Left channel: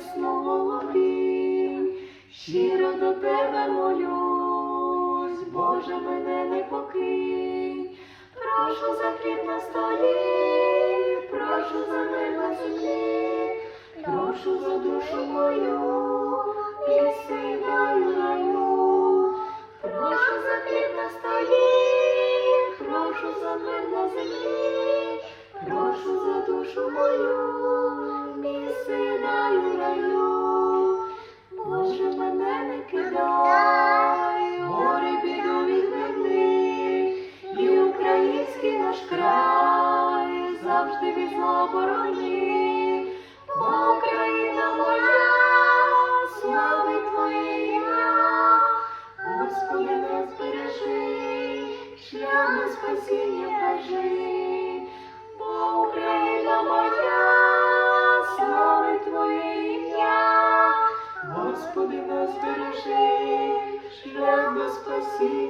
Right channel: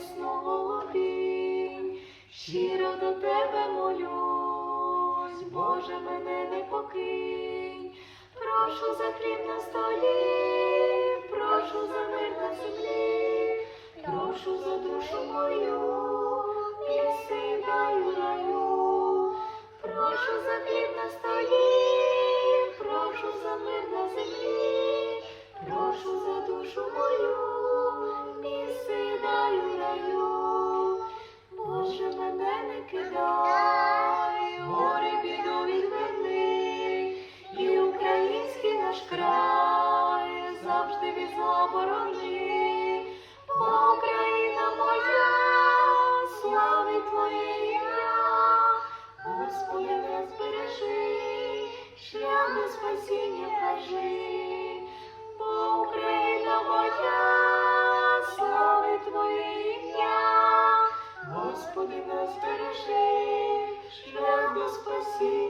ясно володім, щиро до тебе молюсь, Боже мене не покинь, прошу за хліб на столі, прошу за мир на землі, прошу за душу мою, піси даю прошу за хліб на столі, прошу за мир на землі. Наш край завжди від зла борони. Україна моя, славить Твоє ім'я, Господи, нас бережи, шлях спасіння кажи. Бо Україна моя, славить Твоє Господи, нас бережи, шлях на спасіння.